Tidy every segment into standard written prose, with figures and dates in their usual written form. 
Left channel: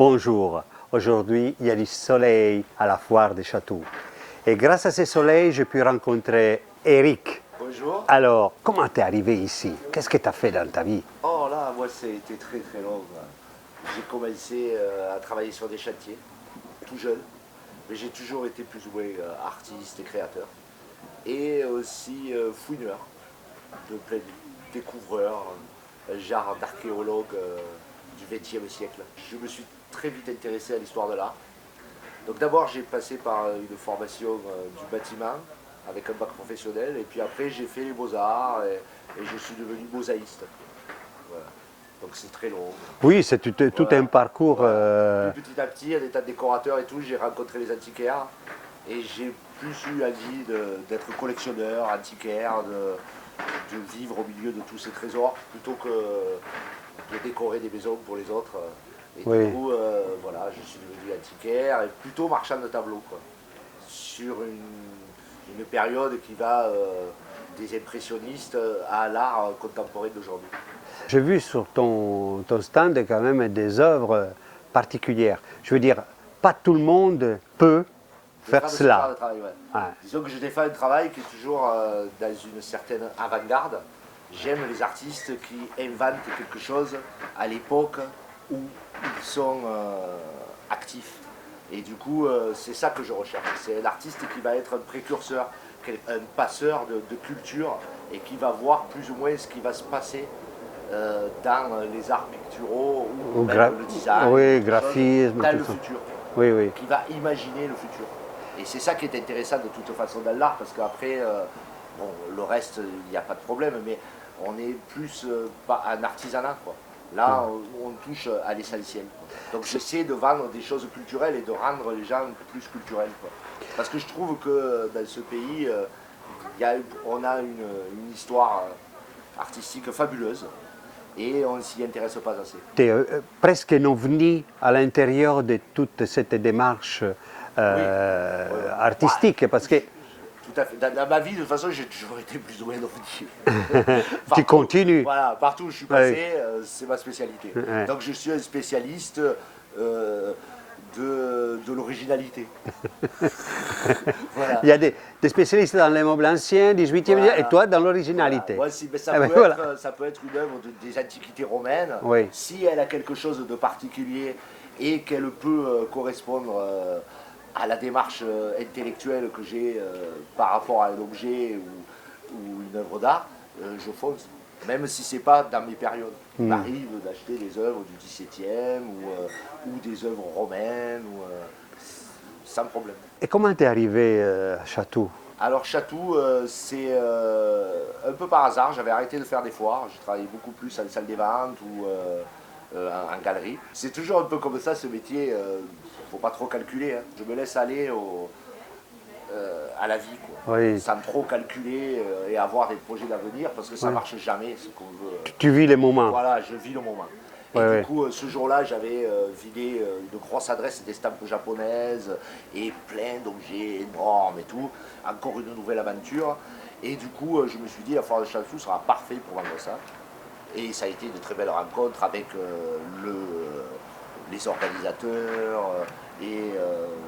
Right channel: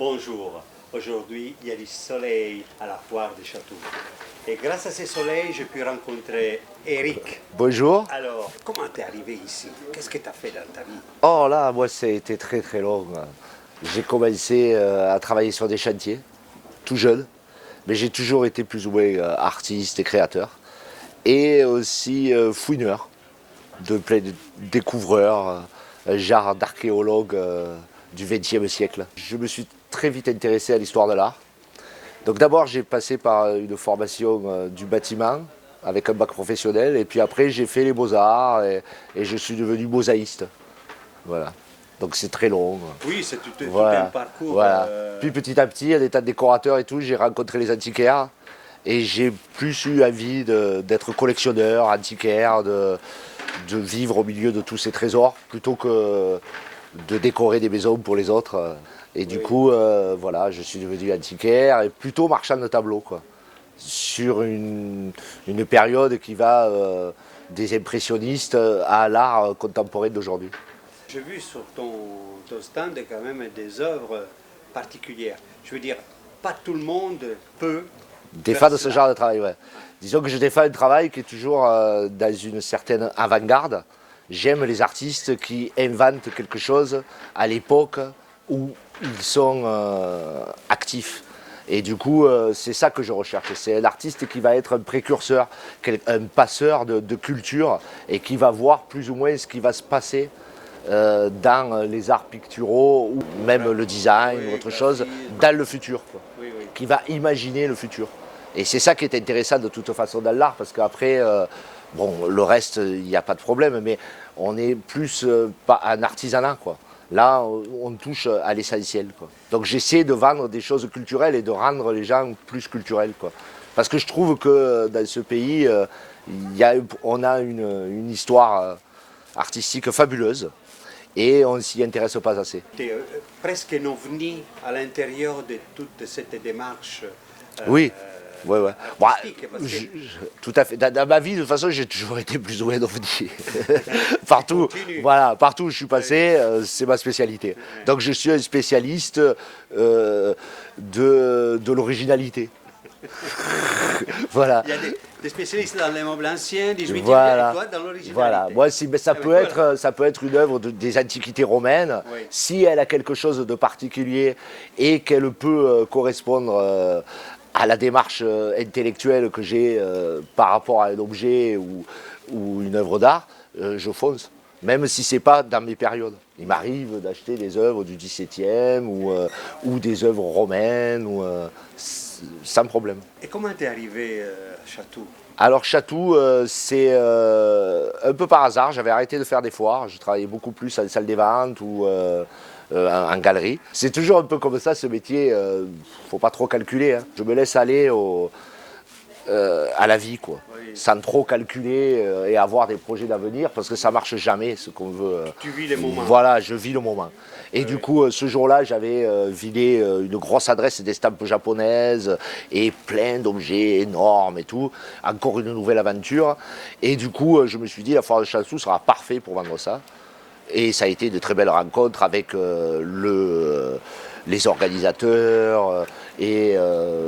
Bonjour, aujourd'hui il y a du soleil à la foire des châteaux. Et grâce à ce soleil, j'ai pu rencontrer Eric. Bonjour. Alors, comment t'es arrivé ici? Qu'est-ce que tu as fait dans ta vie? Oh là, moi ça a été très très long. J'ai commencé à travailler sur des chantiers, tout jeune, mais j'ai toujours été plus ou moins artiste et créateur. Et aussi fouineur, de plein de découvreur, un genre d'archéologue du XXe siècle. Je me suis très vite intéressé à l'histoire de l'art. Donc d'abord j'ai passé par une formation du bâtiment avec un bac professionnel et puis après j'ai fait les beaux-arts et je suis devenu mosaïste. Voilà. Donc c'est très long. Oui, c'est tout un parcours. Voilà. Puis petit à petit, en étant décorateur et tout, j'ai rencontré les antiquaires et j'ai plus eu envie d'être collectionneur, antiquaire, de vivre au milieu de tous ces trésors plutôt que de décorer des maisons pour les autres. Et du coup, voilà, je suis devenu antiquaire et plutôt marchand de tableaux, quoi. Sur une période qui va des impressionnistes à l'art contemporain d'aujourd'hui. J'ai vu sur ton stand quand même des œuvres particulières. Je veux dire, pas tout le monde peut Défends de ce genre de travail, ouais. Ah. Disons que je défends un travail qui est toujours dans une certaine avant-garde. J'aime les artistes qui inventent quelque chose à l'époque où ils sont actifs. Et du coup, c'est ça que je recherche. C'est l'artiste qui va être un précurseur, un passeur de culture et qui va voir plus ou moins ce qui va se passer dans les arts picturaux ou même le design, autre chose, dans le futur. Oui, oui. Qui va imaginer le futur. Et c'est ça qui est intéressant de toute façon dans l'art, parce qu'après, bon, le reste, il n'y a pas de problème, mais on est plus pas un artisanat, quoi. Là, on touche à l'essentiel, quoi. Donc j'essaie de vendre des choses culturelles et de rendre les gens plus culturels, quoi. Parce que je trouve que dans ce pays, on a une histoire artistique fabuleuse et on ne s'y intéresse pas assez. Tu es presque un ovni à l'intérieur de toute cette démarche artistique. Parce que... Tout à fait. Dans ma vie, de toute façon, j'ai toujours été plus ou moins ovni. Tu continues. Voilà, partout où je suis passé, c'est ma spécialité. Donc je suis un spécialiste de l'originalité. Voilà. Il y a des spécialistes dans les meubles anciens, 18e, Voilà. et toi dans l'originalité. Voilà. Moi, ça peut être une œuvre des antiquités romaines, si elle a quelque chose de particulier et qu'elle peut correspondre à la démarche intellectuelle que j'ai par rapport à un objet ou une œuvre d'art, je fonce. Même si ce n'est pas dans mes périodes. Il m'arrive d'acheter des œuvres du XVIIe ou des œuvres romaines, sans problème. Et comment t'es arrivé à Château? Alors Château, c'est un peu par hasard. J'avais arrêté de faire des foires. Je travaillais beaucoup plus en salle des ventes ou en galerie. C'est toujours un peu comme ça, ce métier. Il ne faut pas trop calculer, hein. Je me laisse aller à la vie, quoi. Sans trop calculer et avoir des projets d'avenir, parce que ça ne marche jamais, ce qu'on veut. Tu vis les moments. Voilà, je vis le moment. Et du coup, ce jour-là, j'avais vidé une grosse adresse d'estampes japonaises et plein d'objets énormes et tout. Encore une nouvelle aventure. Et du coup, je me suis dit, la foire de Château sera parfait pour vendre ça. Et ça a été de très belles rencontres avec les organisateurs et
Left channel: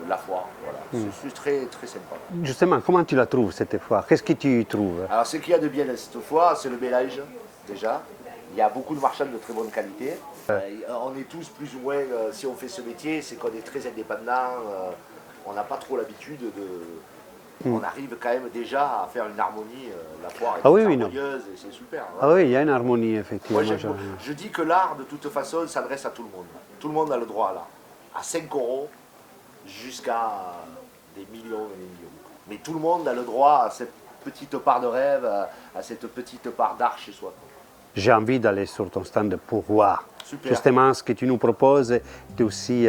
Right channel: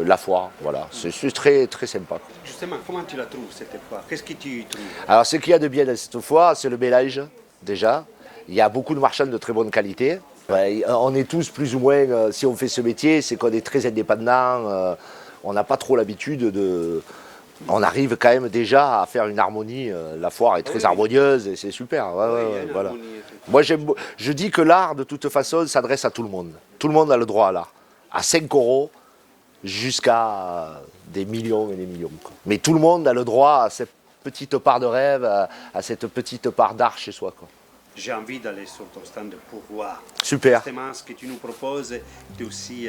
la foire. Voilà. C'est très, très sympa. Justement, comment tu la trouves cette foire? Qu'est-ce que tu trouves? Alors, ce qu'il y a de bien dans cette foire, c'est le mélange, déjà. Il y a beaucoup de marchands de très bonne qualité. On est tous plus ou moins, si on fait ce métier, c'est qu'on est très indépendants. On n'a pas trop l'habitude de... On arrive quand même déjà à faire une harmonie. La foire est très harmonieuse et c'est super. Oui, il y a une harmonie, effectivement. Moi, je dis que l'art, de toute façon, s'adresse à tout le monde. Tout le monde a le droit à l'art. À 5 € jusqu'à des millions et des millions, quoi. Mais tout le monde a le droit à cette petite part de rêve, à cette petite part d'art chez soi, quoi. J'ai envie d'aller sur ton stand pour voir. Super. Justement, ce que tu nous proposes, tu es aussi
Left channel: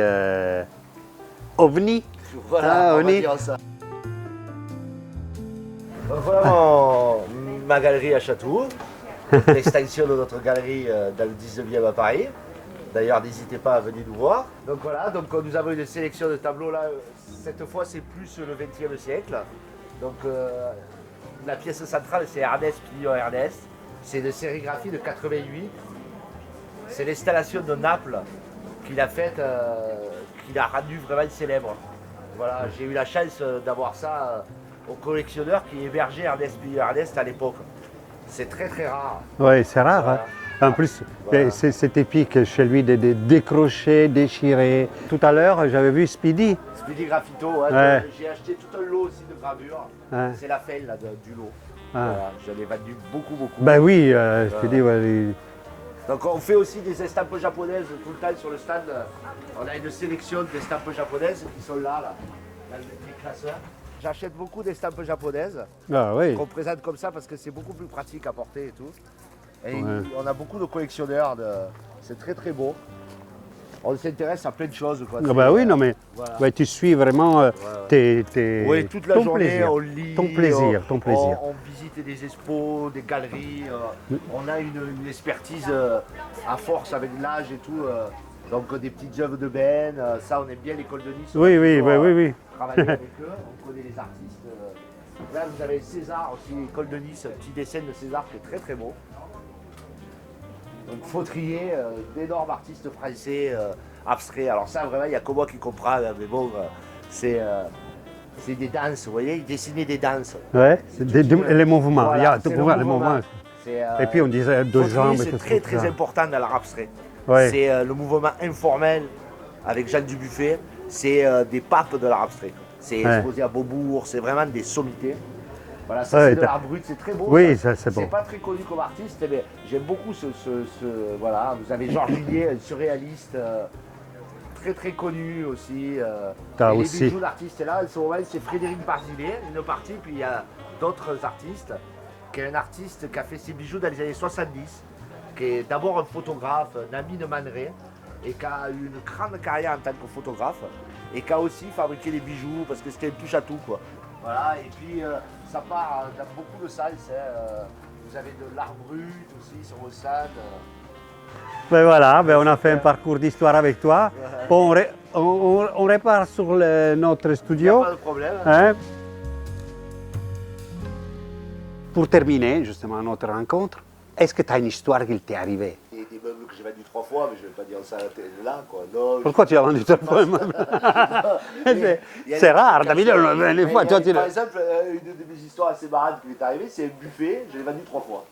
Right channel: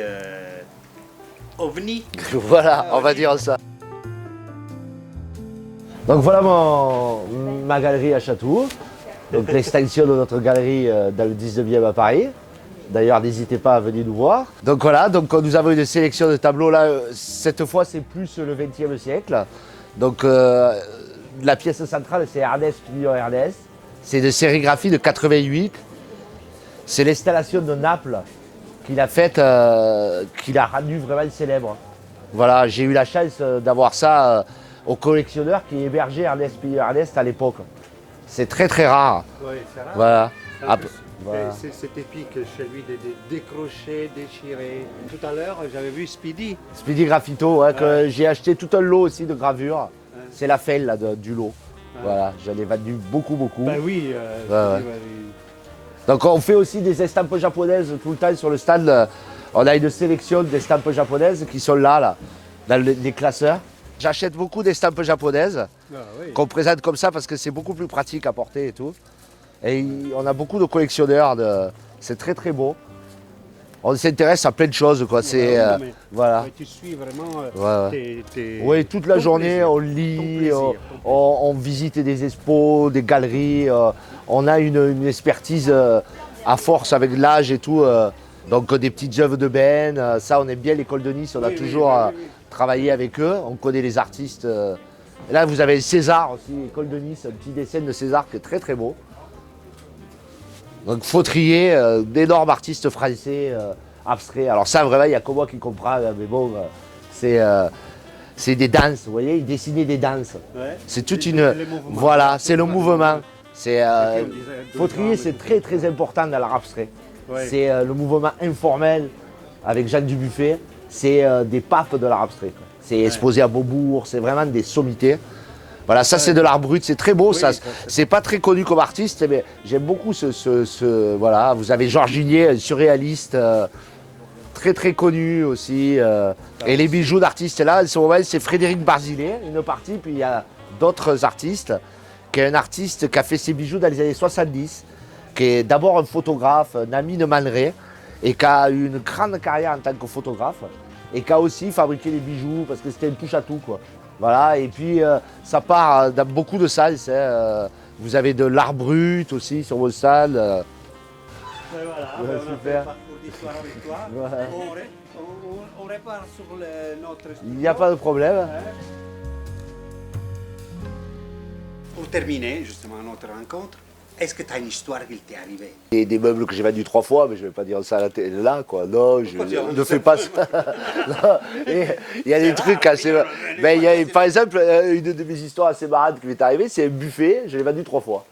ovni. Voilà, on va dire ça. Donc voilà ma galerie à Château, l'extension de notre galerie dans le 19e à Paris. D'ailleurs, n'hésitez pas à venir nous voir. Donc voilà, donc nous avons une sélection de tableaux là. Cette fois, c'est plus le XXe siècle. Donc la pièce centrale, c'est Ernest Pignon Ernest. C'est de sérigraphie de 88. C'est l'installation de Naples qu'il a faite, qu'il a rendu vraiment célèbre. Voilà, j'ai eu la chance d'avoir ça au collectionneur qui hébergeait Ernest Piller Ernest à l'époque. C'est très très rare. Oui, c'est rare. Voilà. Hein. En Ah, plus, voilà. c'est épique chez lui de décrocher, déchirer. Tout à l'heure, j'avais vu Speedy. Speedy Graffito, hein, Ouais. que j'ai acheté tout un lot aussi de gravures. Ouais. C'est la felle là, du lot. Ouais. Voilà, j'en ai vendu beaucoup. Ben oui, Speedy, Ouais. ouais, oui. Donc on fait aussi des estampes japonaises tout le temps sur le stand. On a une sélection d'estampes japonaises qui sont là dans les classeurs. J'achète beaucoup d'estampes japonaises Ah, oui. qu'on présente comme ça parce que c'est beaucoup plus pratique à porter et tout. Et Ouais. on a beaucoup de collectionneurs, c'est très très beau. On s'intéresse à plein de choses quoi. Ah C'est, bah oui, non, mais voilà. ouais, tu suis vraiment Ouais. Oui, toute la ton journée, plaisir. on lit, Ton plaisir, ton plaisir. on visite des expos, des galeries. On a une expertise à force avec l'âge et tout. Donc des petites œuvres de Ben, ça on aime bien l'école de Nice, on Oui, a oui, toujours oui. travaillé avec eux, on connaît les artistes. Et là vous avez César aussi, école de Nice, un petit dessin de César qui est très très beau. Donc Fautrier, d'énormes artistes français abstraits. Alors ça vraiment il n'y a que moi qui comprends, mais bon, c'est des danses, vous voyez, il dessinait des danses. Ouais. C'est toute une... Les mouvements. Il y Voilà, a c'est le tout mouvement. C'est, Et puis on disait deux Fautrier, jambes. et c'est tout très ça. très important dans l'art abstrait. Ouais. C'est le mouvement informel avec Jeanne Dubuffet. C'est des papes de l'art abstrait. C'est exposé à Beaubourg, c'est vraiment des sommités. Voilà, ça Ouais, c'est de ça- l'art brut, c'est très beau. Oui, ça, ça, c'est c'est beau. pas très connu comme artiste, mais j'aime beaucoup voilà, vous avez Georges Gillier, un surréaliste, très très connu aussi. Ah, Et les aussi. bijoux d'artistes là, c'est Frédéric Barzillet, une partie, puis il y a d'autres artistes, qui est un artiste qui a fait ses bijoux dans les années 70, qui est d'abord un photographe, un ami de Man Ray, et qui a eu une grande carrière en tant que photographe, et qui a aussi fabriqué les bijoux, parce que c'était une touche à tout, quoi. Voilà, et puis ça part dans beaucoup de salles. Vous avez de l'art brut aussi sur vos salles. Ben voilà, ben on a fait un parcours d'histoire avec toi. On repart sur notre Il n'y a studio. pas de problème. Hein? Pour terminer justement notre rencontre, est-ce que tu as une histoire qui t'est arrivée? Et des meubles que j'ai vendus 3 fois, mais je ne vais pas dire ça à la télé là, quoi. Non, Pourquoi tu as vendu je sais pas trois ça. fois? Il y a C'est des rare, trucs assez. Camille, on- Mais il y a, tu- par exemple, une de mes histoires assez marrantes qui m'est arrivée, c'est un buffet, je l'ai vendu 3 fois.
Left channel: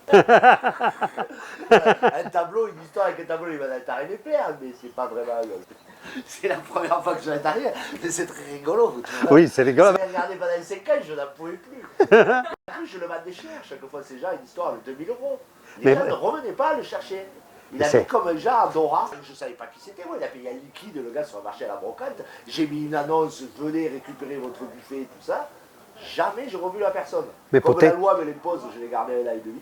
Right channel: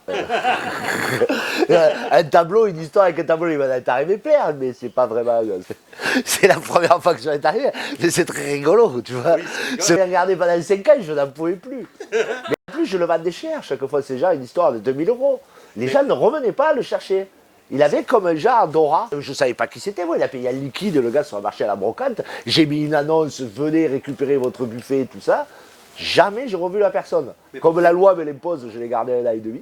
Un tableau, une histoire avec un tableau, il m'en est arrivé plein, mais c'est pas vraiment. C'est la première fois que ça m'est arrivé, mais c'est très rigolo, tu vois. Oui, c'est rigolo. Je l'ai regardé pendant 5 ans, je n'en pouvais plus. Mais en plus, je le vendais cher, chaque fois, c'est déjà une histoire de 2000 €. Les Mais- gens ne revenaient pas à le chercher. Il avait comme un genre Dora. Je ne savais pas qui c'était, moi. Il a payé un liquide, le gars sur le marché à la brocante. J'ai mis une annonce, venez récupérer votre buffet, tout ça. Jamais j'ai revu la personne. Mais Comme peut-être- la loi me l'impose, je l'ai gardé un an et demi.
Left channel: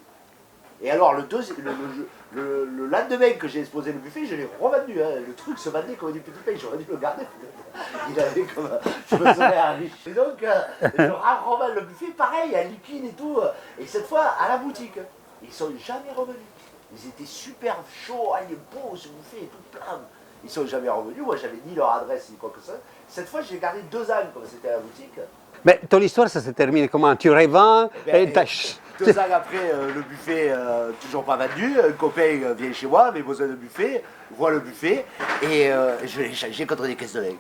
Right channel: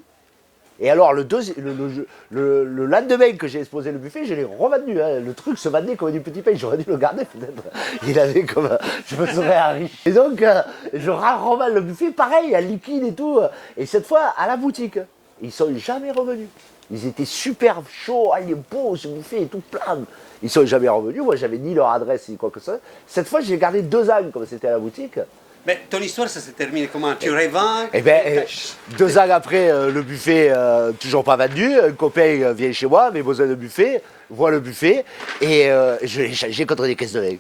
Et alors, le lendemain que j'ai exposé le buffet, je l'ai revendu. Hein. Le truc se vendait comme du petit pain. J'aurais dû le garder peut-être. Il avait comme. Je me serais enrichi. Et donc, je revends le buffet, pareil, à liquide et tout. Et cette fois, à la boutique. Ils sont jamais revenus. Ils étaient super chauds. Ah, il est beau ce buffet et tout plein. Ils sont jamais revenus. Moi, j'avais ni leur adresse ni quoi que ce soit. Cette fois, j'ai gardé 2 ans comme c'était à la boutique. Mais ton histoire, ça se termine comment? Tu revends? Et bien, et t'as- 2 ans après, le buffet toujours pas vendu. Un copain vient chez moi, avait besoin de buffet, voit le buffet et je l'ai changé contre des caisses de vin.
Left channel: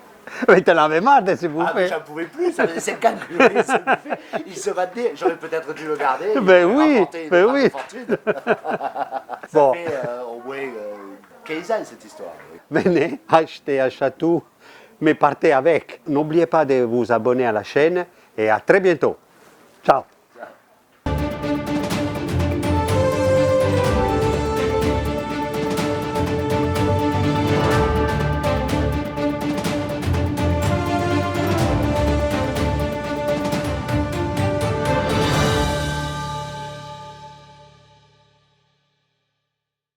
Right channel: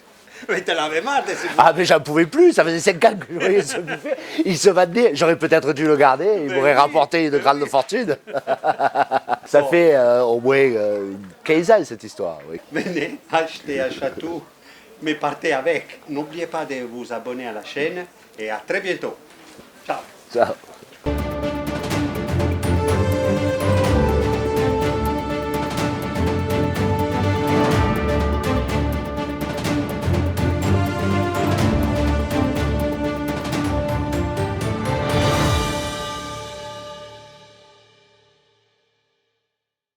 Mais t'en avais marre de ces Ah, mais bouffées. j'en pouvais plus, ça faisait 5 ans que je voyais ce buffet. Il se vendait, j'aurais peut-être dû le garder, il Ben m'aurait oui, rapporté une ben grande oui. fortune. Ça Bon. fait au moins 15 ans cette histoire. Oui. Venez acheter à Chatou, mais partez avec. N'oubliez pas de vous abonner à la chaîne et à très bientôt. Ciao. Ciao.